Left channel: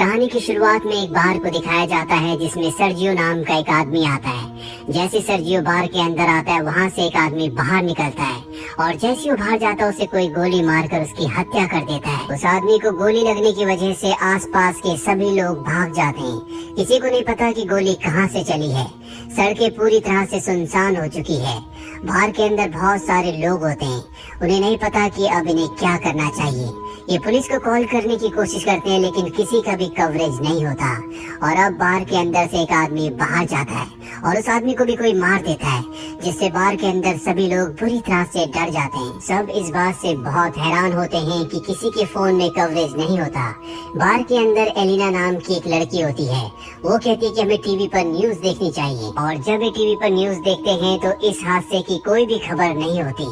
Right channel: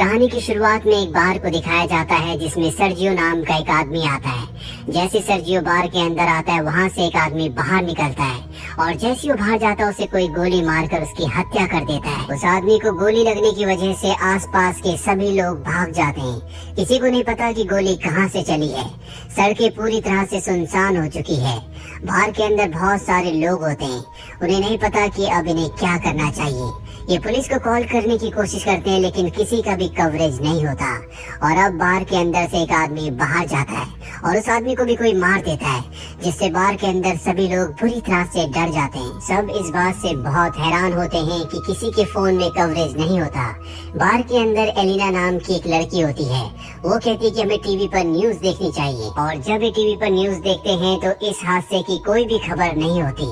कहानी की शुरुआत में एक बार को दिखाया जाता है जिसमें सर्जियो नाम का एक आदमी आता है। जैसे सर्जियो बार के अंदर आता है वहाँ से एक आदमी बाहर निकलता है और जैसे वो बाहर जाता है उसे कोई गोली मारकर उसकी हत्या कर देता है। उस आदमी को गोली लगने की वजह से आसपास के सभी लोग भाग जाते हैं। किसी को नहीं पता कि गोली कहाँ से चली है। सड़कें पूरी तरह से सुनसान हो चुकी है। बार के अंदर बहुत सारे लोग होते हैं। उन्हें नहीं पता कि अब इन्हें क्या करना चाहिए। ये पुलिस को कॉल करने की कोशिश करते हैं लेकिन किसी का भी कवरेज नहीं होता। और अब बार के अंदर से एक आदमी बाहर जाता है और उस आदमी को भी कोई मार देता है, जिससे बार के अंदर सभी लोग बुरी तरह से डर जाते हैं। सब इस बात से बहुत हैरान होते हैं कि किसी के फोन में कवरेज नहीं होता। बार के अंदर एलिना नाम की एक लड़की होती है। वो कहती है कि हमें टीवी पर न्यूज देखनी चाहिए और जब ये टीवी पर न्यूज देखते हैं तो इस हादसे की कोई भी खबर नहीं होती।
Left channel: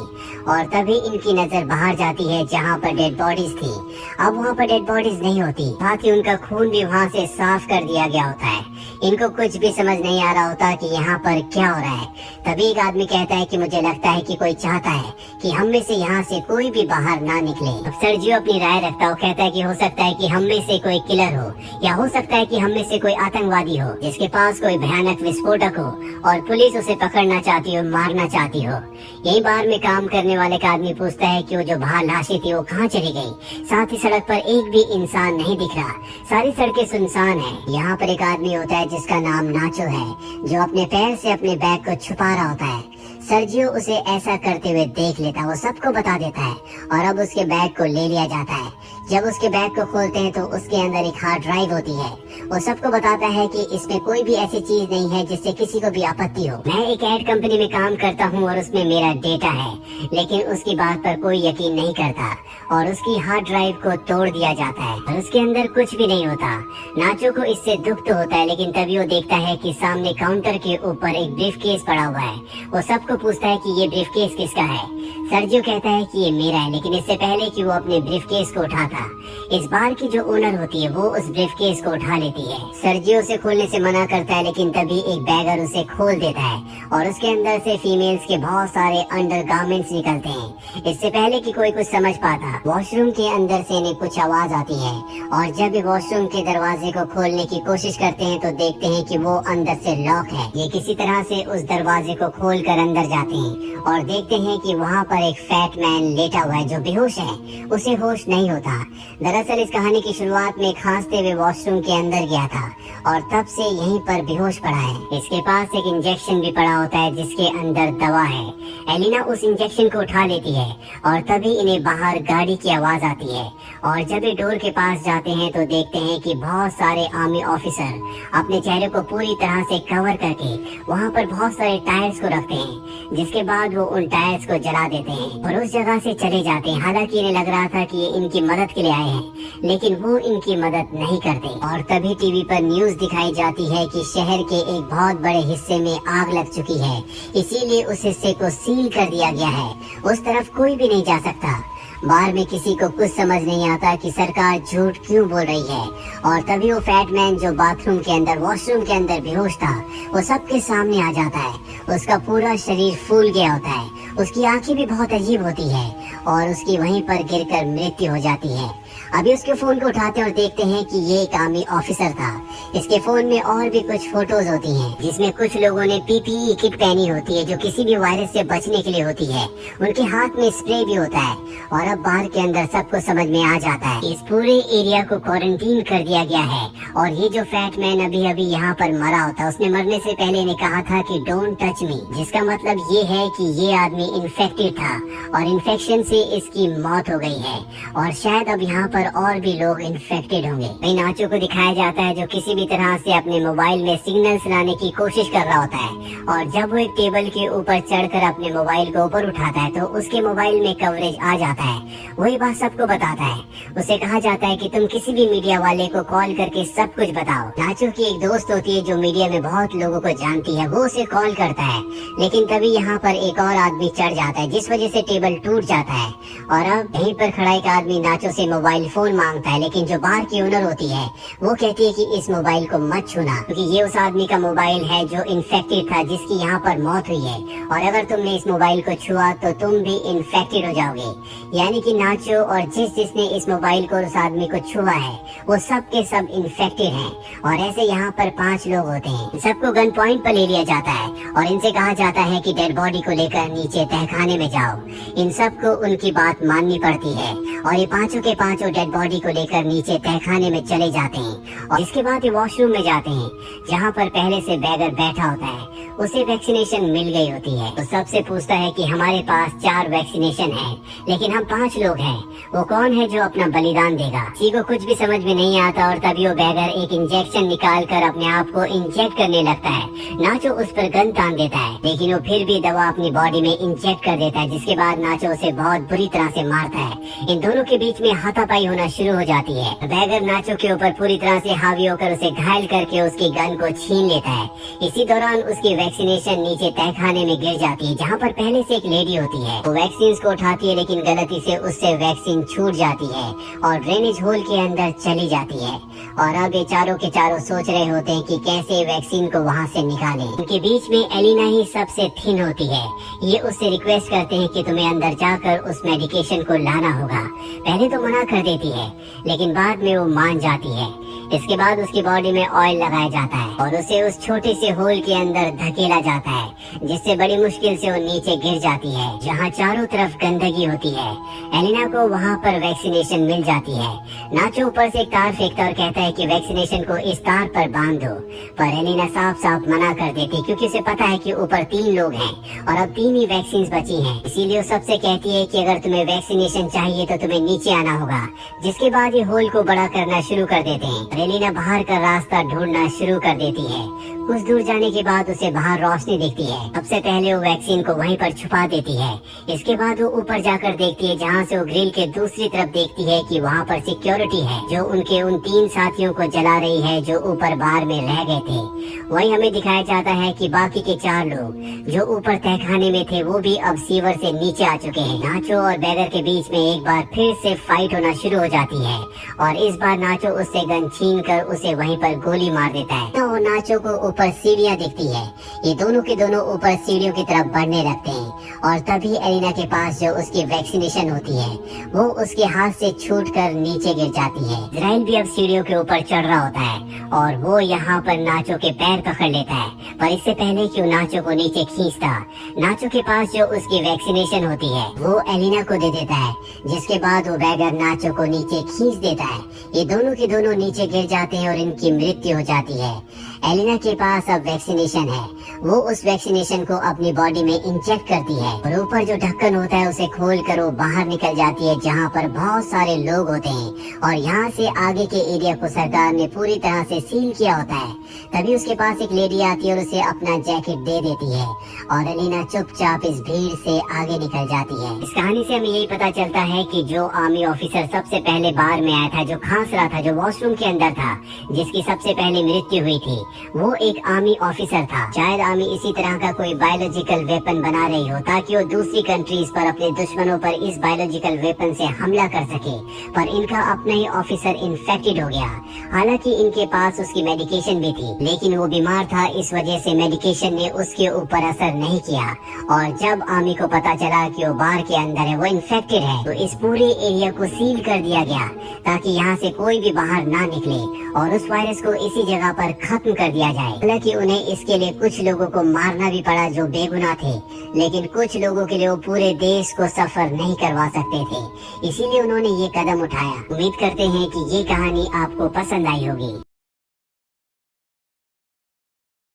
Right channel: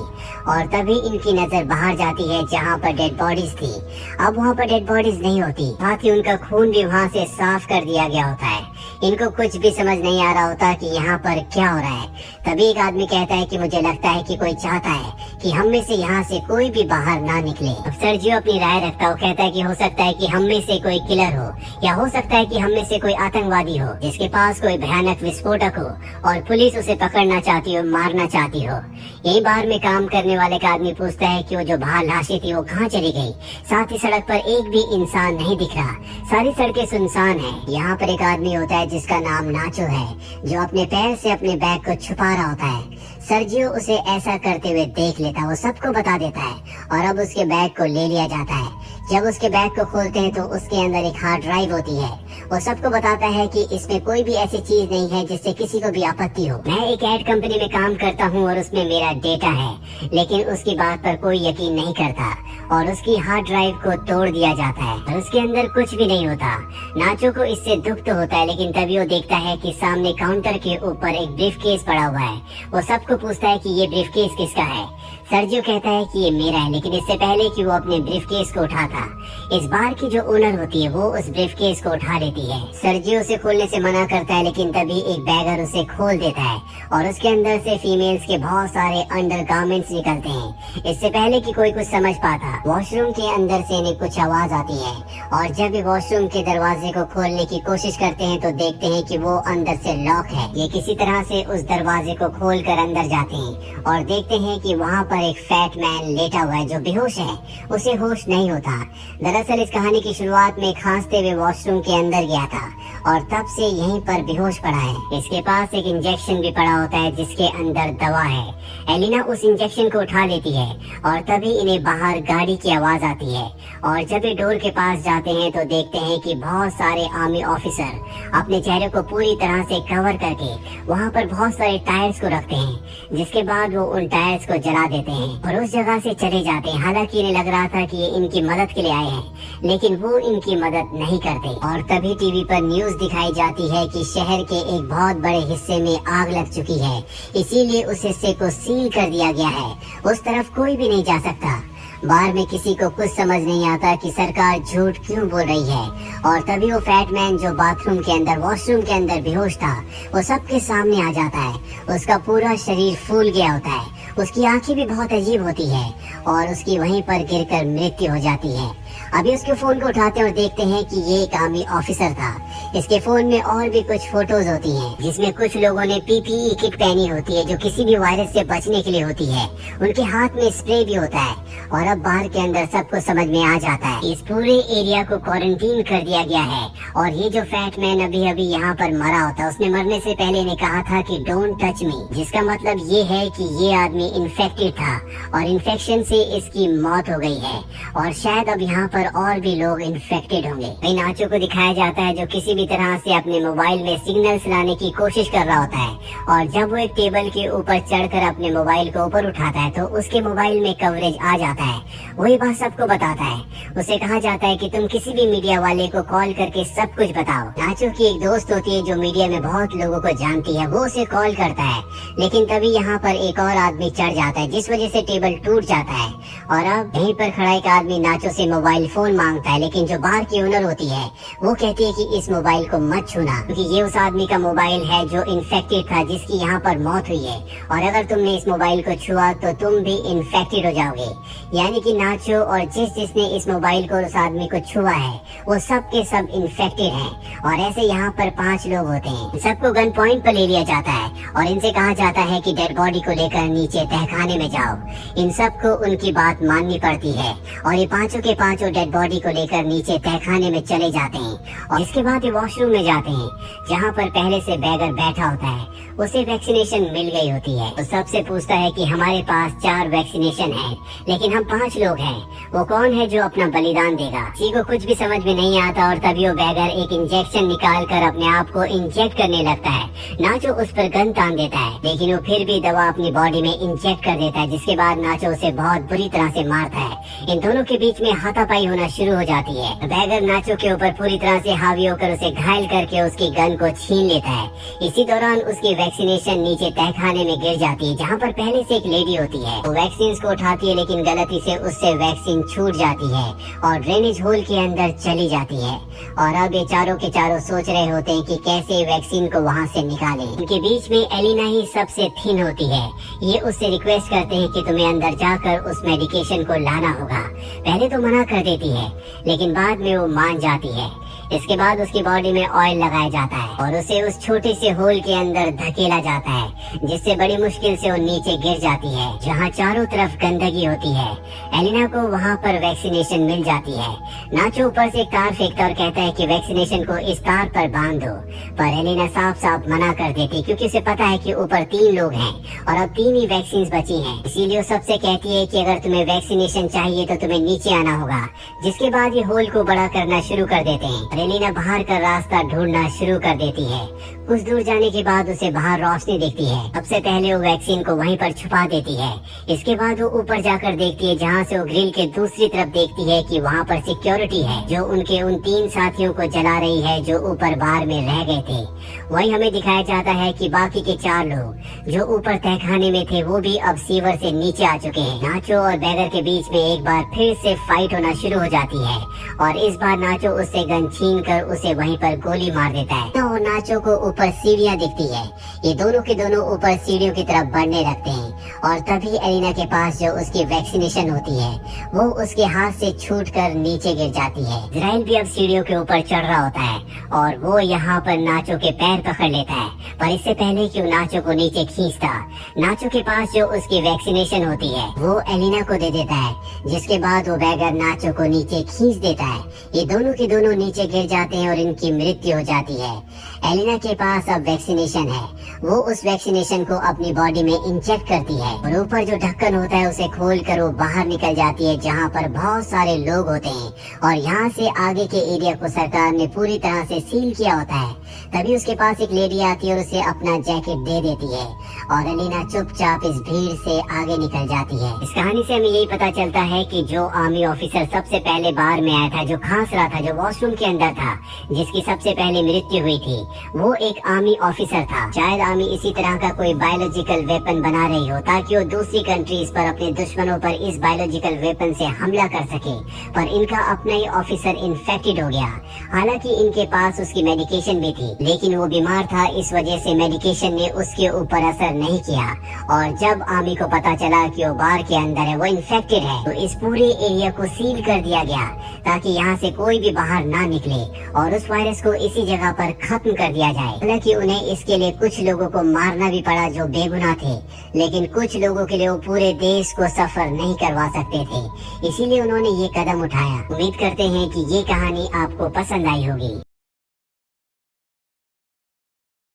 और तभी इनकी नजर बाहर जाती है जहाँ पर डेड बॉडीज थी। अब वहाँ पर डेड बॉडीज नहीं होती, साथ ही उनका खून भी वहाँ से साफ कर दिया गया होता है। इनको कुछ भी समझ नहीं आ रहा होता कि यहाँ पर क्या हो रहा है। तभी एक आदमी कहता है कि मुझे लगता है कि कोई चाहता है कि हम में से यहाँ से कोई भी बाहर ना निकले। अब सर्जियो अपनी राय रखता है। कहता है कि हो सकता है कि हम में से कोई किलर हो या हो सकता है कि हम में से कोई आतंकवादी हो जिसके पास कोई भयानक विस्फोटक हो और पुलिस उसे पकड़ना चाहती हो, मारना चाहती हो। यही बाहर में काम करने वाले का आदमी पूछता है कि वो जो बाहर लाशें थी वो कहाँ चली गई। साथ ही सड़क पर एक भी इंसान नहीं दिख रहा, सारी सड़कें सुनसान है। यहाँ पर एक आदमी होता है जिसका नाम नाचो है, जो अपने पैर से अपने बैग को छुपा रहा होता है। सर्जियो उसे ऐसा करते हुए देख लेता है, वो सबको बता देता है और अब उसके बैग को ले लिया जाता है। जब उसके बैग को खोलते हैं तो उसके अंदर एक हार्ड ड्राइव होती है। वो सबको बताता है कि इसमें कोई भी ऐसी चीज नहीं है जिससे किसी को भी आपत्ति हो। मैं एक एड कंपनी में काम करता हूँ और उसमें मेरा डेटा है, लेकिन उसकी बात पर कोई यकीन नहीं करता और उसकी हार्ड ड्राइव को तोड़ दिया जाता है और उसके अंदर कुछ भी नहीं होता। नाचो को इससे दुख तो होता है, लेकिन तभी वो देखता है कि सामने काउंटर के ऊपर एक ब्रीफ केस पड़ा हुआ है। वो सबको पूछता है कि ये ब्रीफ केस किसका है। सर्जियो कहता है कि ये मेरा है, लेकिन इससे पहले कि वो अपने ब्रीफ केस को उठाता, इस बार की जो ओनर होती है वो उस ब्रीफ केस को उठा लेती है। सर्जियो उसे खोलने से मना करता है, लेकिन तभी एक बैगर उसे खोल देता है और उसके अंदर से फीमेल्स के बहुत सारे अंडरगारमेंट्स निकलते हैं। इससे पहले कि कोई कुछ समझ पाता, वॉशरूम के अंदर से इन्हें कुछ आवाज आती है और जब भी वॉशरूम के दरवाजे को खोलने की कोशिश करते हैं तो देखते हैं कि वो अंदर से लॉक है। ये किसी तरह से उस दरवाजे को खोल कर अंदर जाते हैं और देखते हैं कि वहाँ पर एक फैट मैन लेटा हुआ है जो बेहोश है, उसे होश नहीं होता। दरअसल इस कहानी की शुरुआत में खांसते हुए वॉशरूम के अंदर गया था और तब से यहीं पर बेहोश पड़ा है। इसके पास एक इंजेक्शन भी पड़ा होता है जिसके अंदर दवा है। एलिना उस इंजेक्शन को उठा लेती है और तभी इन्हें बाहर गाड़ी की आवाज आती है और जब ये डोर के पास जाते हैं तो देखते हैं कि बहुत सारे आर्मी ऑफिसर अपने चेहरे को पूरी तरह से कवर करके वहाँ पर बहुत सारे टायर्स को रखते हैं, जिसके बाद वो उन टायर्स को जला देते हैं और उस जगह से चले जाते हैं। हालांकि इन्हें लग रहा था कि ये इनकी मदद के लिए आए हैं, लेकिन वो इनकी मदद नहीं करते। और तभी टीवी पर न्यूज दिखाई जाती है कि शहर के एक बहुत बड़े हिस्से में आग लग चुकी है, इसीलिए उस हिस्से को सील कर दिया गया है। उस तरफ कोई भी नहीं जा सकता। बाहर में किसी को कुछ समझ नहीं आता कि सरकार झूठ क्यों बोल रही है। और तभी वो फैट मैन जो बाथरूम के अंदर, वॉशरूम के अंदर बेहोश था, वो सबके सामने आ जाता है। उसका पूरा शरीर फूल गया होता है, उसकी आंखें भी बहुत अजीब होती है और उसकी वहीं पर गिरकर मृत्यु हो जाती है। अभी उसके फोन को उठाते हैं और देखते हैं कि ये एक आर्मी ऑफिसर था। इसके फोन में और भी कुछ फोटोज होती हैं, जिसमें कुछ लोगों ने पीपीई किट पहनी होती है जो किसी भी वायरस से बचने के लिए होती है। उनके हाथ में स्प्रे भी होता है और अब बाहर के अंदर सबको समझ में आ जाता है इस पूरे एरिया को क्वारंटीन कर दिया गया है। और ये जो फैट मैन अभी अभी यहाँ पर मरा होता, उसने मरने से पहले ने कहा था कि डोंट टच मी, जिसका मतलब ये है कि ये आदमी इन्फेक्टेड था और इन्फेक्शन से इसकी मौत हो गई है और शायद अब यहाँ पर और भी लोग इन्फेक्टेड होंगे। नाचो को दिखाया जाता है जो किसी भी तरह से अपने मोबाइल में सिग्नल्स लाने की कोशिश कर रहा होता है और जब वो एक टेबल के ऊपर चढ़कर अपने मोबाइल को ऊपर उठाता है तो उसके मोबाइल में कवरेज आ जाता है। वही बात सबको बताता है। उसे कहा जाता है कि तुम किसी भी मीडिया वाले को कॉल करके सब कुछ बताओ। नाचो की एक दोस्त होती है जो मीडिया में बहुत लोगों को जानती है, वो उसे कॉल करता है, लेकिन तभी यहाँ पर एक और आदमी चढ़ जाता है जिस वजह से टेबल टूट जाता है और अब यहीं पर खड़ा एक आदमी नाचो से मोबाइल फोन मांगता है, लेकिन जो बार की ओनर होती है वो कहती है कि इस मोबाइल को मत छूना, क्योंकि ये उस आदमी का मोबाइल है जो इन्फेक्टेड था, जिसकी यहाँ पर मौत हुई है, और अगर तुमने इस मोबाइल को छुआ तो तुम भी इन्फेक्टेड हो जाओगे। यानी कि नाचो और जिसने इस मोबाइल को उस आदमी को छुआ है वो सब के सब इन्फेक्टेड हैं। और ऐसे यहाँ पर 5 लोग होते हैं। सबको गन पॉइंट पर ले लिया जाता है और इनसे कहा जाता है कि डेड बॉडी को लेकर नीचे तहखाने में जाओ। इन सबको उनकी बात माननी पड़ती है और ये 5 के 5 डेड बॉडी को लेकर नीचे तहखाने में चले जाते हैं। और इसके बाद ये वॉशरूम में जाते हैं, जहाँ पर पहले से बैगर बैठा होता है, उसे वैक्सीनेशन मिल गई होती है। तो सबसे पूछता है कि हमारे पास 4 वैक्सीनेशन है, लेकिन हम 5 लोग हैं, वो कौन है जो अपना बलिदान देगा। किसी को कुछ भी समझ में नहीं आता और तभी वो बैगर एक इंजेक्शन निकाल कर अपने आप को इंजेक्ट करने लगता है। नाचो उस पर गन तान देता है, लेकिन वो फिर भी दवा अपनी बॉडी में इंजेक्ट कर देता है, जिसके बाद नाचो उसे बहुत बुरी तरह से मारता है। इन दोनों के बीच में हाथापाई होना शुरू हो जाती है। बैगर नाचो के ऊपर पूरी तरह से हावी होकर उसे घायल करके उसकी गन को छीन लेता है। इसी दौरान उसकी वैक्सीनेशन नीचे तहखाने में गिर जाती है, जहाँ पर पहले से एक लेडी होती है। वो वैक्सीन को उठाती है, लेकिन गलती से उससे वैक्सीन छूट जाती है और ड्रेनेज होल के अंदर चली जाती है। और अब ये चारों के चारों सोच रहे होते हैं कि कैसे वैक्सीन को वहाँ से निकालें। इनके बीच में एलिना ही सबसे थिन होती है। ये उससे रिक्वेस्ट करते हैं कि तुम्हें अंदर जाकर उस मेडिकेशन को लाना होगा। पहले तो मना कर देती है, लेकिन बाद में वो मान जाती है। इसके बाद उसकी बॉडी में ऑयल लगाया जाता है और उसे उस छोटे से होल के अंदर धकेला जाता है, जिससे बड़ी मुश्किल से वो नीचे गिर जाती है, जहाँ चारों तरफ गंदगी होती है। एलिना को वहाँ पर वैक्सीनेशन मिल जाती है। नाचो ऊपर से एक तार फेंकता और कहता है कि वैक्सीनेशन को इस तार पर बांध दो, पर एलिना साफ साफ मना कर देती, क्योंकि उसे पता है कि ऊपर 3 लोग हैं और अब 3 ही वैक्सीन बची हैं। इसीलिए वो सबसे कहती है कि अगर तुम्हें वैक्सीनेशन चाहिए तो तुम्हें नीचे आना होगा। जिसके बाद ये होल को बड़ा करना शुरू कर देते हैं। एलिना बाहर का रास्ता ढूंढना शुरू कर देती है। कुछ दूर जाने के बाद उसे बाहर रोशनी दिखती है। सबसे पहले वो वैक्सीन को वहीं पर छुपा देती है। इसके बाद वो ऊपर जाकर देखती है, जहाँ से वो ग्रिल के दूसरी तरफ देखती है कि वहाँ पर सिक्योरिटी है, जो उनके उन 3 साथियों को जला रही है जो ऊपर बार में रह गए थे। वहीं हमें दिखाया जाता है कि बाकी के 4 लोग जो ऊपर तहखाने में थे वो भी अब सीवर से नीचे आ चुके हैं। नाचो और बैगर के बीच में एक बार फिर से फाइट होना शुरू हो जाती है और इस बार नाचो उससे गन छीन कर उसे वहीं पर गोली मार देता है। तो नाचो को ऊपर सीढ़ियाँ दिखती है। ये दोनों के दोनों ऊपर सीढ़ियों की तरफ बढ़ने लगते हैं और तभी एलिना के पास जो उसकी वैक्सीनेशन होती है वो उसके हाथ से छूटकर नीचे गिर जाती है। इजराइल भी अब सीढ़ियों के ऊपर चढ़ रहा होता है और वो यहाँ पर नाचो के पैर पकड़ लेता है, पर इससे पहले कि वो नाचो को नीचे खींचता, नाचो के पास जो उसकी वैक्सीनेशन होती है वो एलिना को दे देता है, जिसके बाद वो बैगर नाचो को नीचे खींच देता है। ये दोनों के दोनों नीचे गिर जाते हैं और इनकी मृत्यु हो जाती है। एलिना के पास अब वैक्सीनेशन है, वो उस वैक्सीनेशन को अपनी बॉडी में इंजेक्ट करती है और ऊपर जो ढक्कन होता है उसे खोल कर वो बाहर निकल जाती है, जहाँ पर बहुत सारे लोग होते हैं और यहाँ से आगे के एरिया को सरकार ने पूरी तरह से सील किया होता है। तभी उसके पास एक लेडी आती है और उसे अपना जैकेट दे देती है और एलिना चुपचाप इस भीड़ से आगे निकल जाती है। इस कहानी से हमें यही पता चलता है कि जो आर्मी ऑफिसर सबसे पहले बार में आया था, जो खांस रहा था, जो वॉशरूम के अंदर था, जिसकी सबसे पहले मृत्यु हुई थी, वो एक आर्मी ऑफिसर था। शायद आर्मी इसी तरह का कोई बायोलॉजिकल वेपन बना रही हो ताकि वो दूसरी कंट्रीज पर अपने दुश्मनों पर इस बायोलॉजिकल वेपन से हमला कर सके, पर इनका अपना ही ऑफिसर इन्फेक्टेड हो गया। हालांकि इनके पास उसकी मेडिकेशन भी थी, लेकिन वो बीमार था, इस वजह से मेडिकेशन ने उसके ऊपर असर नहीं किया। और जब आर्मी को पता चला कि वो बार के अंदर है, वो इन्फेक्टेड है, तो इस पूरे एरिया को सील कर दिया गया ताकि यहाँ से कोई भी बाहर ना निकले और उस वायरस को इसी जगह पर खत्म कर दिया जाए। हालांकि उन्हें इसके लिए कुछ लोगों को मारना भी पड़ा जो बेगुनाह थे, लेकिन कुछ लोगों के लिए वो पूरे देश को सफर नहीं करवा सकते थे, इसीलिए उन्होंने ये कदम उठाया। उम्मीद करते हैं कि ये कहानी आपको पसंद आई होगी।